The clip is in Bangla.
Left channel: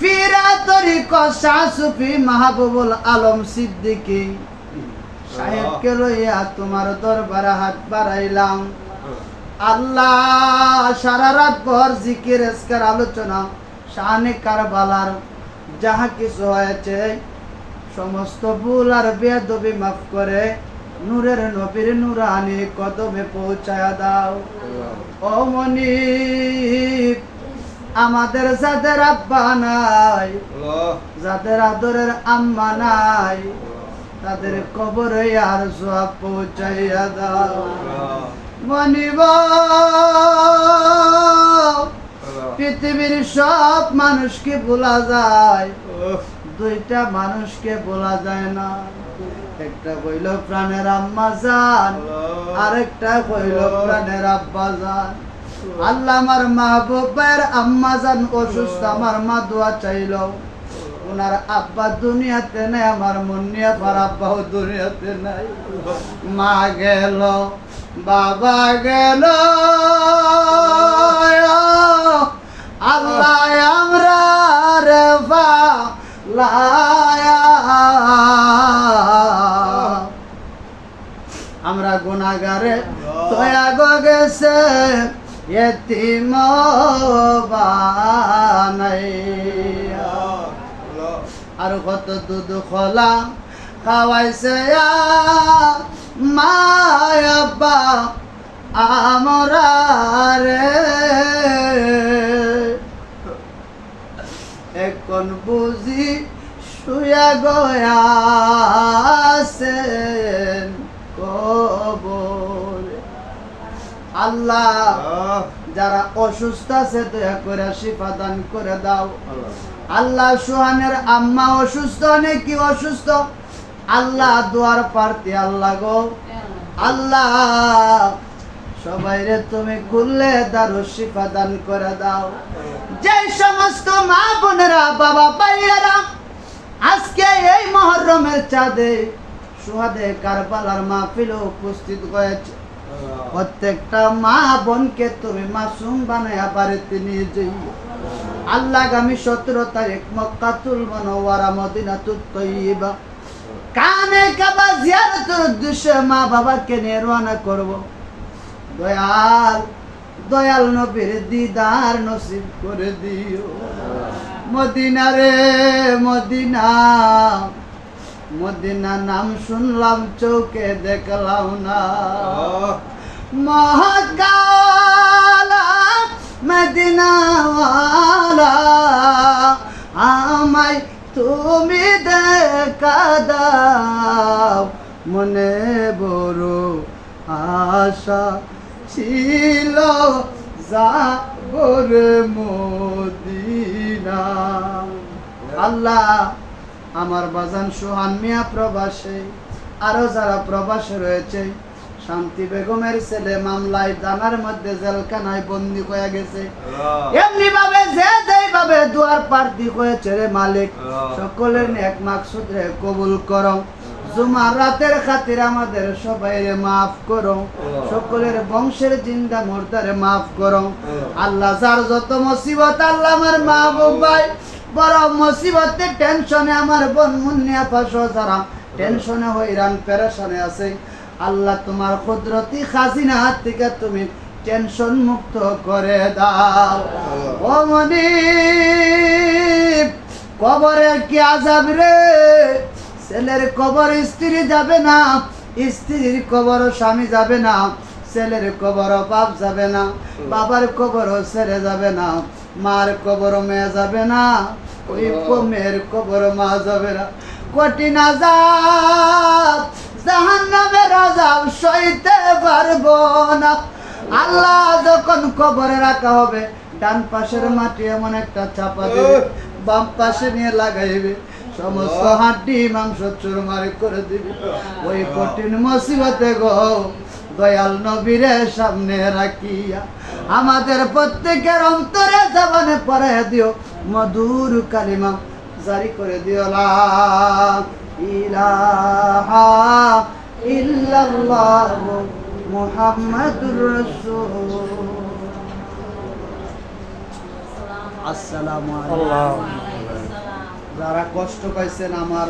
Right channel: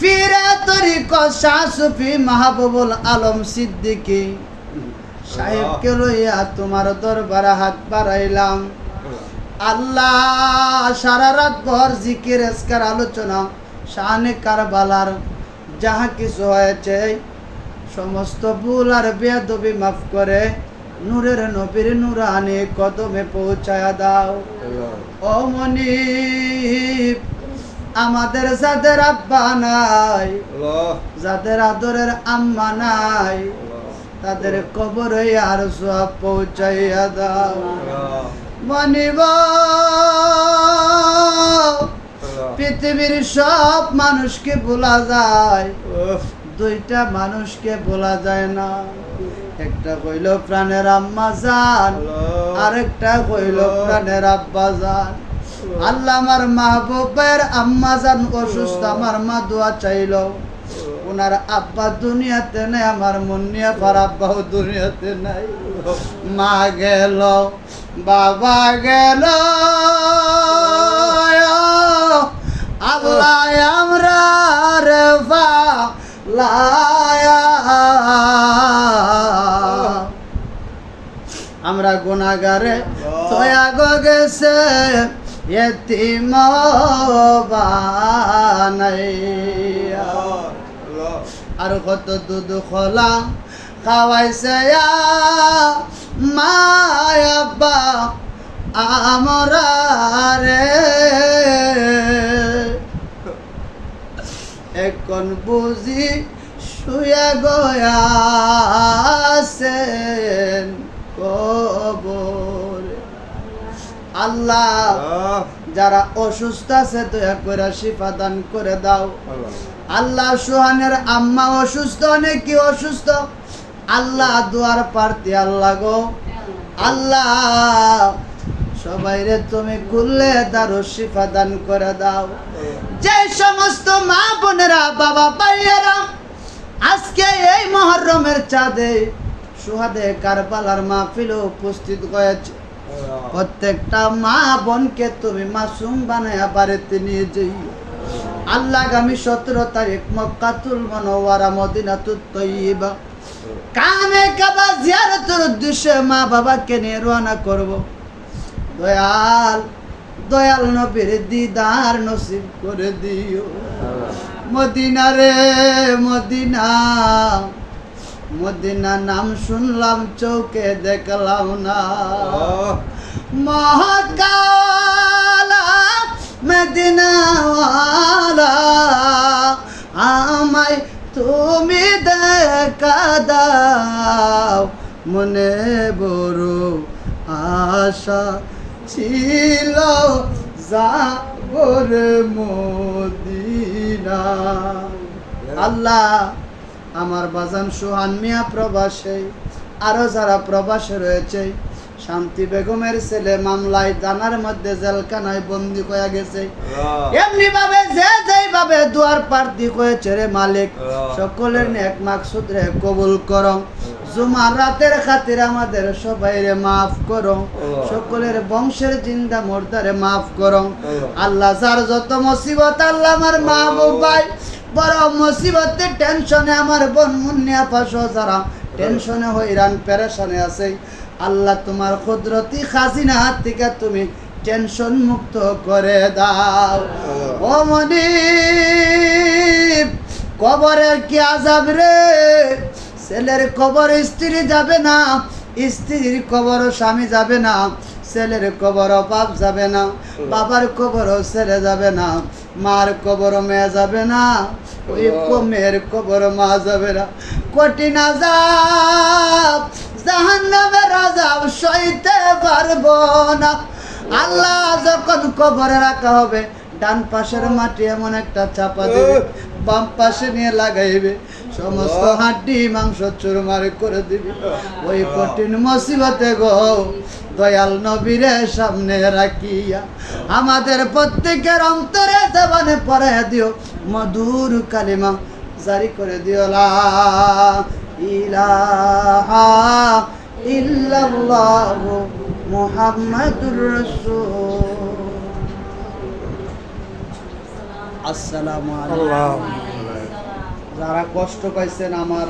ফিরা তরিকত শাহ সুফি মাহবুবুল আলম সিদ্দিকী সাহেবকে লইয়া তোমার দরবারে হাত বাড়াইলাম। আল্লাহ সারা রাত ভর জিকির আজকার আলোচনা শানে কারবালার যাহা কিছু হয়েছে সমস্ত ভুল আর বেয়াদবি মাফ করে নূরের নবীর নূরানি কদমে পৌঁছায়া দাও। ও মনিব, আমাদের যাদের আব্বা নাই, যাদের আদরের আম্মা নাই, তাদের কবরে আর সওয়াব পৌঁছাইয়া দাও। মনিব, পৃথিবীর সব মানুষকে ভোলা যায়, দুইটা মানুষকে বলা যায় না। একটা কইল প্রাণের আম্মা জান, আরেকটা কইল প্রাণের আব্বা জান। আল্লাহ আমার মাহবুবের আম্মা জান অসুস্থ, আমার মা দোয়া চাইল। ওনার আব্বা দুনিয়াতে নাই, আমার মুন্নিয়া পার আব্বাও দুনিয়াতে নাই। মা গেল, বাবা গেল, আল্লাহ আমরা রে লায়া, আমরা গুনাহগারে তয়া গো গেছে এতিম বানাইয়া। আর কত দুধ খোলা খাওয়াইছে মায়াব্বা আমরা রে, এখন বুঝি শুয়া গয়াছেন কবরে। আল্লাহ যারা অসুস্থ আছে দয়া করে শিফা দান করে দাও। আল্লাহ সুহানের আম্মা অসুস্থ, অনেকে অসুস্থ, আল্লাহ দুয়ার প্রার্থী আল্লাহ গো, আল্লাহ সবাইরে তুমি খুললে দারু শিফা দান করে দাও। যে সমস্ত মা বোনেরা বাবা ভাইয়েরা আজকে এই মুহররমের চাঁদে সুহাদে কারবালার মাহফিলে উপস্থিত হয়েছে, প্রত্যেকটা মা বোনকে তুমি মাসুম বানায়া বাড়িতে নিয়ে যাইও। আল্লাহ আগামী 17 তারিখ মক্কাতুল মুনাওয়ারা মদিনাতুত তয়্যিবা কামে কাবা জিয়ারতের উদ্দেশ্যে মা বাবাকে নিয়ে রওনা করব। দয়াল দয়াল নবীর দিদার নসিব করে দিও। মদিনা রে মদিনা, মদিনা নাম শুনলাম চোখে দেখলাম না। মহাকালা মদিনাওয়ালা আমায় তুমি দেখা দাও, মনে বড় আশা ছিল যাবরে মদিনা। আল্লাহ আমার বাজান সোহান মিয়া প্রবাসে, আরো যারা প্রবাসে রয়েছে, শান্তি বেগমের ছেলে মামলায় জানার মধ্যে জেলখানায় বন্দী হয়ে গেছে, এমনি ভাবে যে যেভাবে দুয়ার প্রার্থী হয়েছে রে মালিক, সকলের নেক মাকসুদ রে কবুল করো। জুমার রাতের খাতির আমাদের সবাইরে মাফ করো, সকলের বংশের জিন্দা মুর্দারে মাফ করো। আল্লাহ যার যত মুসিবত, আল্লাহ আমার মাহবুব ভাই বড় মুসিবতে টেনশনে, আমার বোন মুন্নিয়া পাশো যারা টেনশনে হইরান পেরেশানে আছে, আল্লাহ তোমার কুদরতি খাজিনা থেকে তুমি টেনশন মুক্ত করে দাও। ও মনিব, কবরের কি আযাব রে, ছেলের কবর স্ত্রী যাবে না, স্ত্রীর কবর স্বামী যাবে না, ছেলের কবর বাপ যাবে না, বাবার কবর ছেলে যাবে না, মার কবর মেয়ে যাবে না, ওই মেয়ের কবর মা যাবে না। কঠিন আযাব, জাহান্নামের আযাব সইতে পারবো না। আল্লাহ যখন কবরে রাখা হবে, ডান পাশের মাটি এমন একটা চাপা দেবে, বাম পাশে নিয়ে লাগাইবে, সমস্ত হাড্ডি মাংস চুরমার করে দিবে। ওই কঠিন মুসিবতে গো দয়াল নবীরে সামনে রাখিয়া আমাদের প্রত্যেকের অন্তরে জবানে পড়াইয়া দিও মধুর কালিমা জারি করে দিও, লা ইলাহা ইল্লাল্লাহ মুহাম্মাদুর রাসূল। আসসালামু আলাইকুম। যারা কষ্ট পাইছেন আমার